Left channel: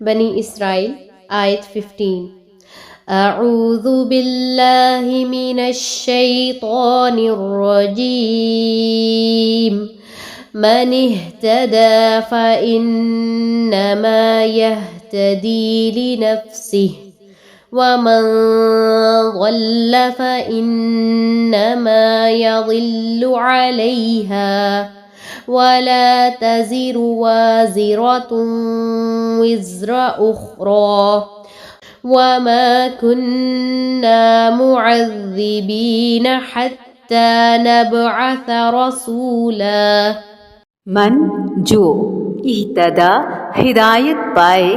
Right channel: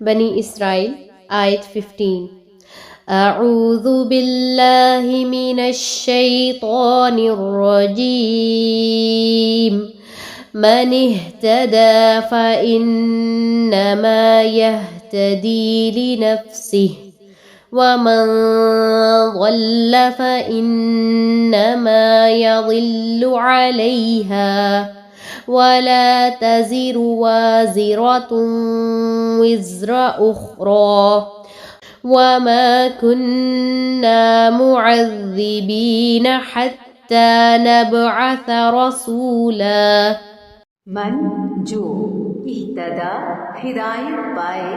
بنی اسرائیل آیت 15۔ اعوذ باللہ من الشیطان الرجیم من اهتدى فإنما يهتدي لنفسه ومن ضل فإنما يضل عليها ولا تزر وازرة وزر أخرى وما كنا معذبين حتى نبعث رسولا۔ من جو اہتدا ہدایت پائے،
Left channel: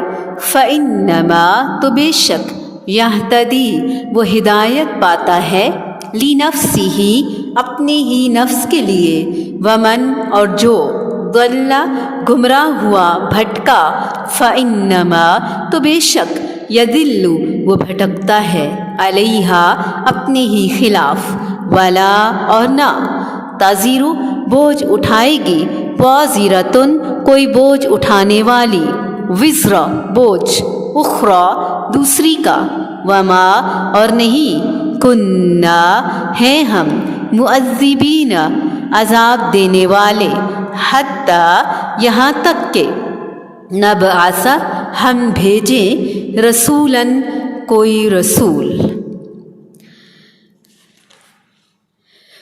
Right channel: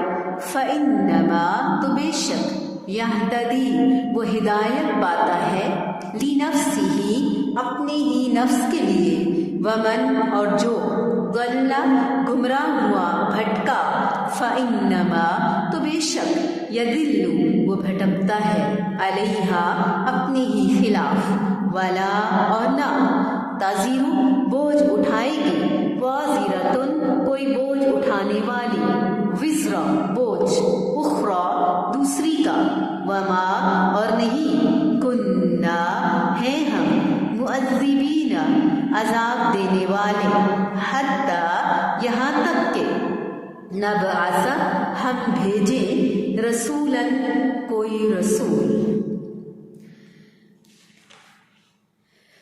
فإنما تو بے شک یہتدی وہ ہدایت پاتا ہے، لنفسہ اپنے ہی نفس کے لیے، ومن اور جو ضل گمراہ ہوا بھٹکا، فإنما تو بے شک یضل وہ بھٹکتا ہے، علیہا اپنے ہی خلاف، ولا اور نہ تزر بوجھ اٹھائے گی، وازرۃ کوئی بوجھ اٹھانے والی، وزر بوجھ، اخری دوسری کا، وما اور نہیں، کننا ہیں ہم، معذبین عذاب دینے والے، حتیٰ یہاں تک کہ نبعث ہم بھیجیں رسولاً کوئی رسول۔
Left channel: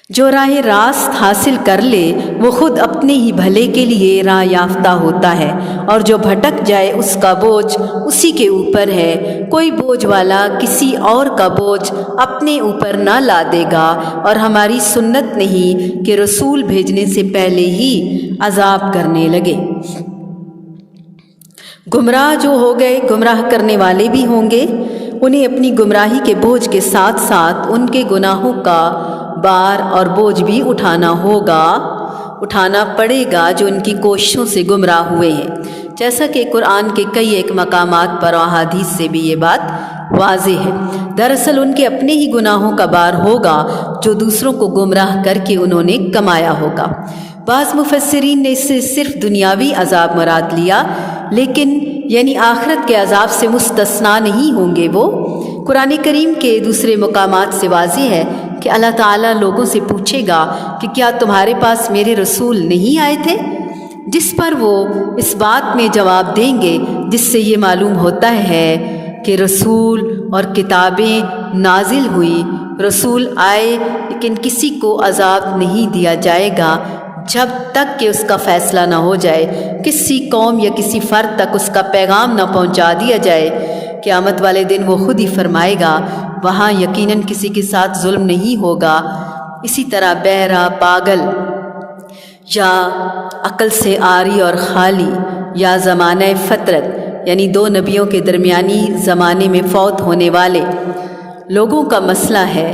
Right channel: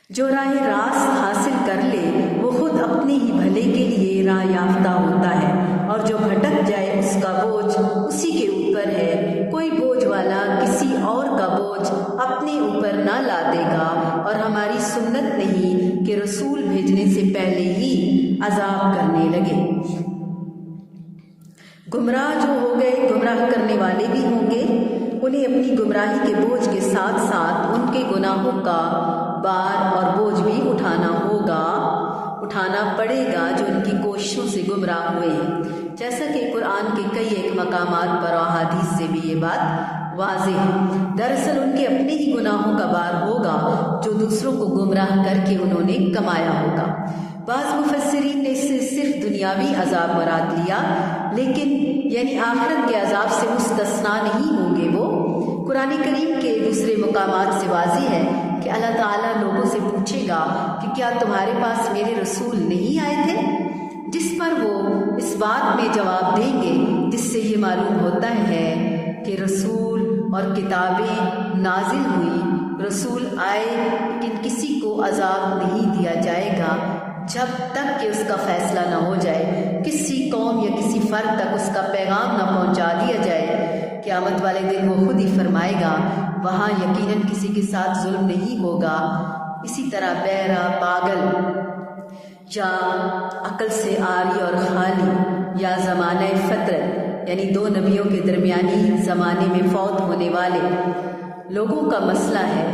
جو راہ راست حاصل کر لے وہ خود اپنے ہی بھلے کے لیے راہ یافتہ ہوتا ہے، اور جو بھٹک جائے اس کا بوجھ اسی کے اوپر ہے۔ کوئی بوجھ والا کسی اور کا بوجھ اپنے اوپر نہ لا دے گا، اور ہماری سنت نہیں کہ رسول بھیجنے سے پہلے ہی عذاب کرنے لگے۔ گمراہ جو ہو گئے، گمراہ کرنے والے بھی ہوں گے، انہیں اپنی گمراہی کے بوجھ کے ساتھ ساتھ ان کے گناہوں کا بار اور بوجھ بھی اٹھانا پڑے گا جو ان کی کوششوں سے گمراہ ہوئے ہیں، جیسا کہ قرآن کے کئی ایک مقامات پر اور احادیث سے بھی یہ بات واضح ہے۔ دراصل ان کے اپنے ہی گناہوں کا بار ہوگا جو دوسروں کو گمراہ کر کے انہوں نے کمایا ہوگا۔ بعض مفسرین نے اس سے صرف دنیاوی عذاب مراد لیا، لیکن یعنی آخرت کے عذاب سے مستثنا نہیں ہوں گے وہ۔ قرآن کریم کے دوسرے مقامات سے واضح ہے کہ اللہ تعالیٰ لوگوں سے پوچھے گا کہ کیا تمہارے پاس میرے رسول نہیں آئے تھے، جس پر وہ اس بات میں جواب دیں گے جس سے یہ معلوم ہوتا ہے کہ رسول اور کتابیں نازل ہوئی، رسول آئے، لیکن کسی کو عذاب نہیں دیا جائے گا جب تک کہ اس کا فیصلہ نہ ہو جائے، کسی قوم یا کسی فرد تک اس کا پیغام نہ پہنچا دیا جائے۔ قیامت والے دن وہ خود ہی فرمائے گا، وہاں یقیناً کسی کے ساتھ ظلم نہیں ہوگا۔ اسی طرح بہرا، پاگل یا عقل سے عاری اور خالی، یا زمانہ فترت یعنی دو نبیوں کے درمیانی زمانے میں فوت ہونے والے لوگوں کا مسئلہ ہے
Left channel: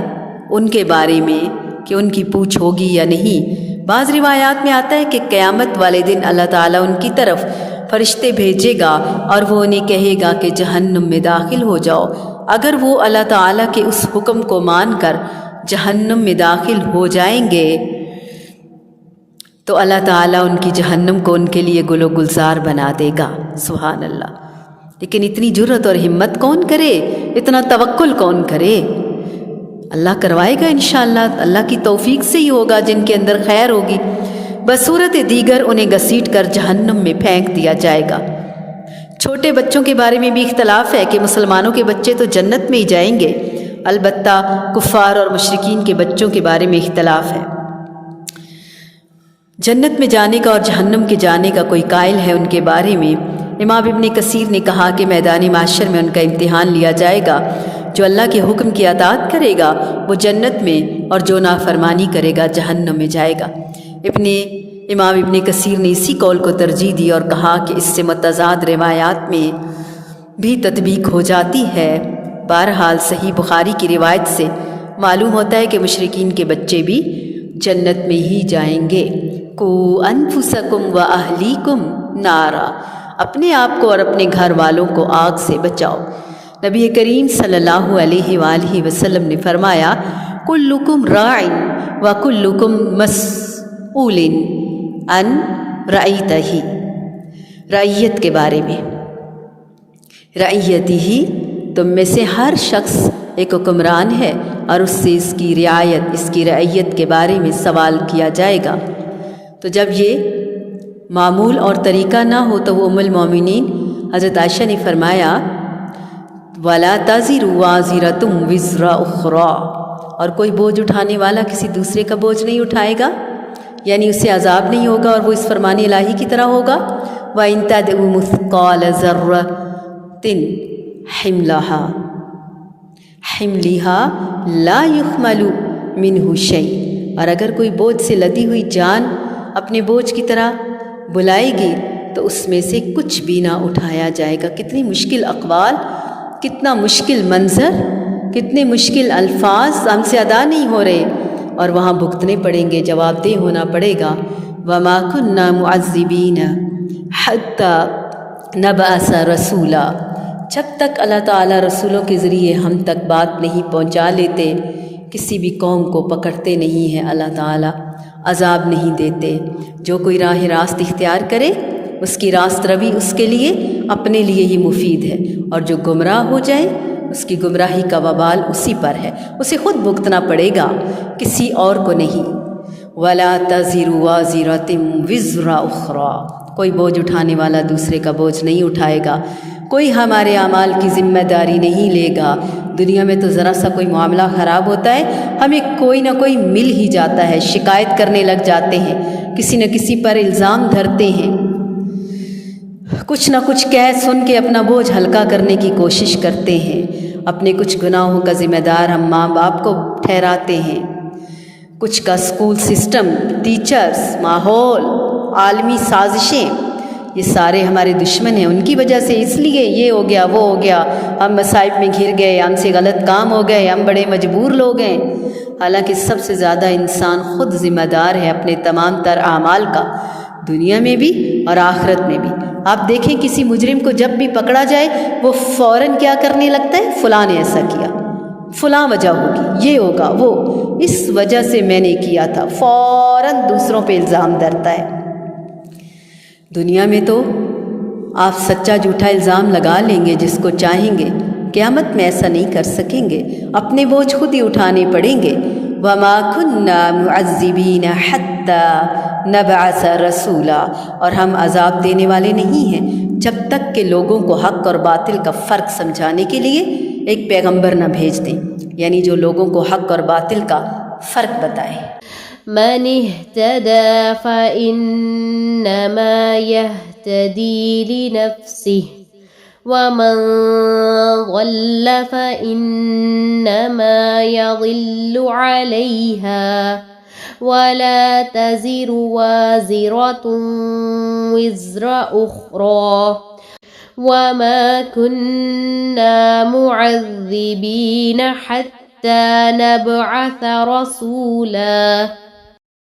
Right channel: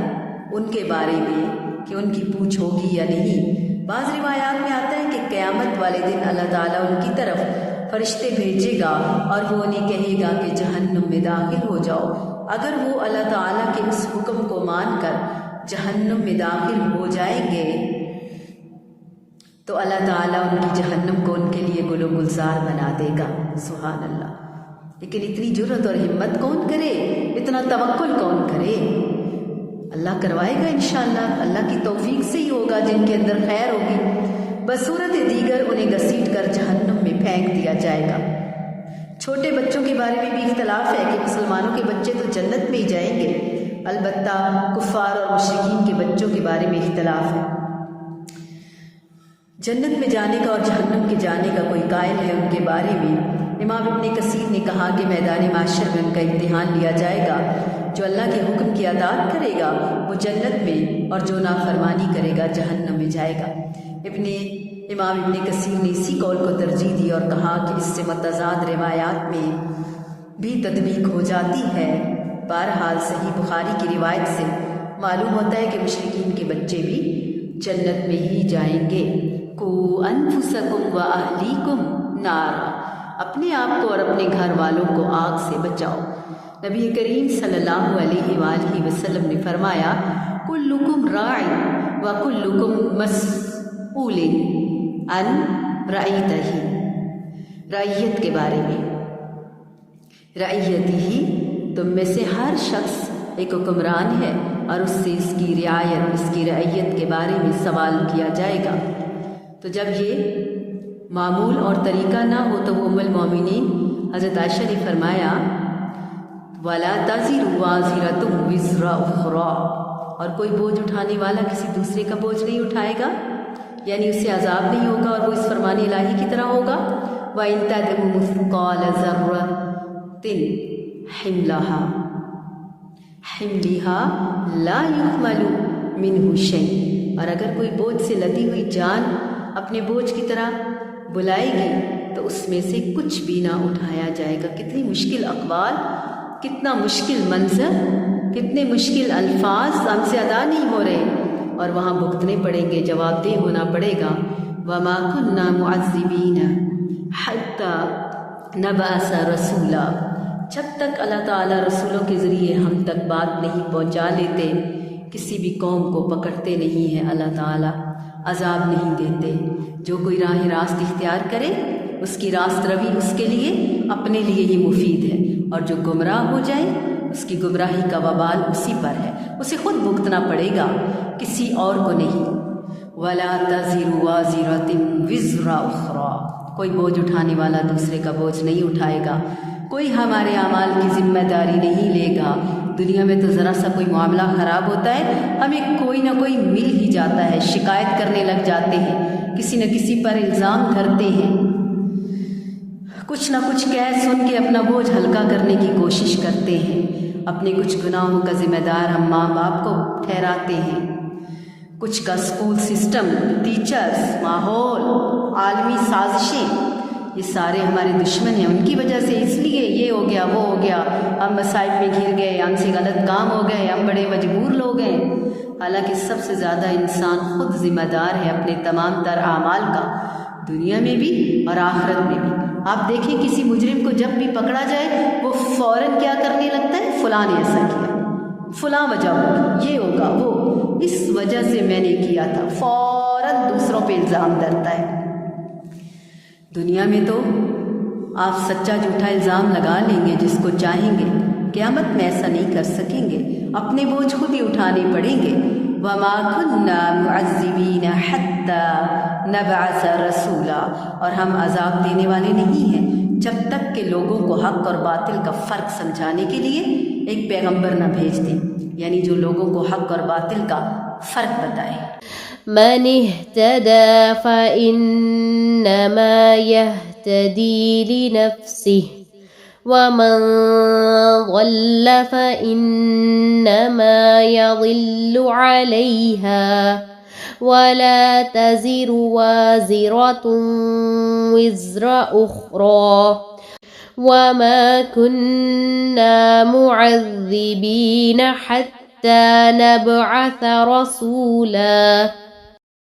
ان کے بارے میں کہ ان کی پوچھ ہوگی یا نہیں۔ بعض روایات میں آتا ہے کہ قیامت والے دن اللہ تعالیٰ ان کی طرف فرشتے بھیجے گا اور وہ انہیں کہے گا کہ جہنم میں داخل ہو جاؤ۔ اگر وہ اللہ تعالیٰ کے اس حکم کو مان کر جہنم میں داخل ہو جائیں گے تو اللہ تعالیٰ ان کی جہنم کو ان کے لیے گل و گلزار بنا دے گا۔ سبحان اللہ! لیکن اتنی جرت اور ہمت کون کرے، اتنا توکل کون کرے؟ اللہ کروائے گا انشاءاللہ، اللہ کی توفیق سے ہی ہوگا جن کے اندر خیر ہوگی۔ بصورت دیگر انہیں گھسیٹ کر جہنم میں پھینک دیا جائے گا۔ چھوٹے بچوں کے بارے میں بھی اختلاف ہے کہ مسلمانوں کے بچے تو جنت میں ہی جائیں گے، البتہ کفار اور مشرکین کے بچوں کے بارے میں اختلاف ہے۔ جنت میں جانے کا اور جہنم کے جانے کا کوئی قائل ہے ان کے بارے میں؟ امام ابن کثیر نے کہا کہ میدان محشر میں ان کا امتحان لیا جائے گا۔ جو اللہ کے حکم کی اطاعت کرے گا وہ جنت میں، اور جو نافرمانی کرے گا جہنم میں جائے گا۔ امام ابن کثیر نے اسی قول کو ترجیح دی اور کہا کہ اس سے متضاد روایات میں بھی تطبیق ہو جاتی ہے۔ بہرحال صحیح بخاری کی روایت سے معلوم ہوتا ہے کہ مشرکین کے بچے بھی جنت میں ہی جائیں گے۔ کو انفسکم و اہلیکم نارا، اپنے آپ کو اور اپنے گھر والوں کو آگ سے بچاؤ۔ نبی کریم صلی اللہ علیہ وآلہ وسلم نے فرمایا، کلکم راع و کلکم مسئول عن رعیتہ، رعیت کے بارے میں۔ رعیتی ہی، تم میں سے ہر شخص ایک حکمران ہے اور اس سے اس کی رعایت، اس کی رعیت کے بارے میں سوال کیا جائے گا۔ تو جب یہ معمول اور طریقہ نہ ہو تو وہ ام المومنین حضرت عائشہ نے فرمایا وَلَا تَزِرُ وَازِرَةٌ وِزْرَ أُخْرَىٰ، اور کوئی بوجھ اٹھانے والا کسی دوسرے کا بوجھ نہیں اٹھائے گا، یعنی اسے عذاب نہیں ہوگا اور وہ اس فرمان الہی کی طرح ہوگا۔ وَإِن تَدْعُ مِثْقَالَ ذَرَّةٍ حِمْلِهَا لَا يُحْمَلُ مِنْهُ شَيْءٌ، اور اگر کوئی بوجھ سے لدی ہوئی جان اپنے بوجھ کی طرح بلائے گی تو اس میں سے کچھ بھی نہ اٹھایا جائے گا۔ کتنی مشکل اقوال، کتنا مشکل منظر، کتنے مشکل الفاظ ہم سے ادا نہیں ہو رہے اور وہاں بھگتنے پڑیں گے، جواب دہ ہونا پڑے گا۔ وَمَا كُنَّا مُعَذِّبِينَ حَتَّى نَبْعَثَ رَسُولًا، جب تک اللہ تعالیٰ رسولوں کے ذریعے ہم تک بات نہیں پہنچا لیتے، کسی بھی قوم کو پکڑتے نہیں ہیں اللہ تعالیٰ، عذاب نہیں دیتے۔ جو کوئی راہ راست اختیار کرے اس کی راست روی اس کے لیے اپنے لیے ہی مفید ہے، اور جو گمراہ ہو جائے اس کی گمراہی کا وبال اسی پر ہے، اسے خود بھگتنا پڑے گا، کسی اور کو نہیں۔ وَلَا تَزِرُ وَازِرَةٌ وِزْرَ أُخْرَىٰ، کوئی بوجھ اٹھانے والا دوسرے کا بوجھ نہیں اٹھائے گا، کوئی ہمارے اعمال کی ذمہ داری نہیں لے گا۔ دنیا میں تو ذرا سا کوئی معاملہ خراب ہوتا ہے ہمیں کوئی نہ کوئی مل ہی جاتا ہے، شکایت کرنے لگ جاتے ہیں، کسی نہ کسی پر الزام دھرتے ہیں، کچھ نہ کچھ کہہ سن کے اپنا بوجھ ہلکا کرنے کی کوشش کرتے ہیں، اپنے کچھ گناہوں کا ذمہ دار ہم ماں باپ کو ٹھہراتے ہیں، کچھ کا اسکول سسٹم، ٹیچرز، ماحول، عالمی سازشیں، یہ سارے ہمارے دشمن ہیں، ان کی وجہ سے اس لیے یہ ہو گیا وہ ہو گیا، ہم مصائب میں گھر گئے، ہم سے غلط کام ہو گئے، ہم بڑے مجبور لوگ ہیں۔ حالانکہ سب سے زیادہ انسان خود ذمہ دار ہے اپنے تمام تر اعمال کا، دنیا میں بھی اور آخرت میں بھی۔ آپ دیکھیں کسی مجرم کو جب بھی پکڑا جائے وہ فوراً کیا کرنے لگتا ہے، فلاں نے ایسا کیا، فلاں وجہ ہوگی، یہ ہوگا، وہ اس وجہ سے میں نے کیا تھا، فوراً دوسروں پہ الزام دھرتا ہے۔ دنیا میں تو آپ سچا جھوٹا الزام لگا لیں گے جس کو چاہیں گے، قیامت میں ایسا نہیں کر سکیں گے، اپنے بوجھ خود ہی اٹھانے پڑیں گے۔ وَمَا كُنَّا مُعَذِّبِينَ حَتَّى نَبْعَثَ رَسُولًا، اور ہم عذاب دینے والے نہیں ہیں جب تک کہ لوگوں کو حق اور باطل کا فرق سمجھانے کے لیے ایک پیغمبر نہ بھیج دیں، یعنی جو لوگوں کو حق اور باطل کا فرق بتائے۔ من اهتدى فإنما يهتدي لنفسه ومن ضل فإنما يضل عليها ولا تزر وازرة وزر أخرى وما كنا معذبين حتى نبعث رسولا۔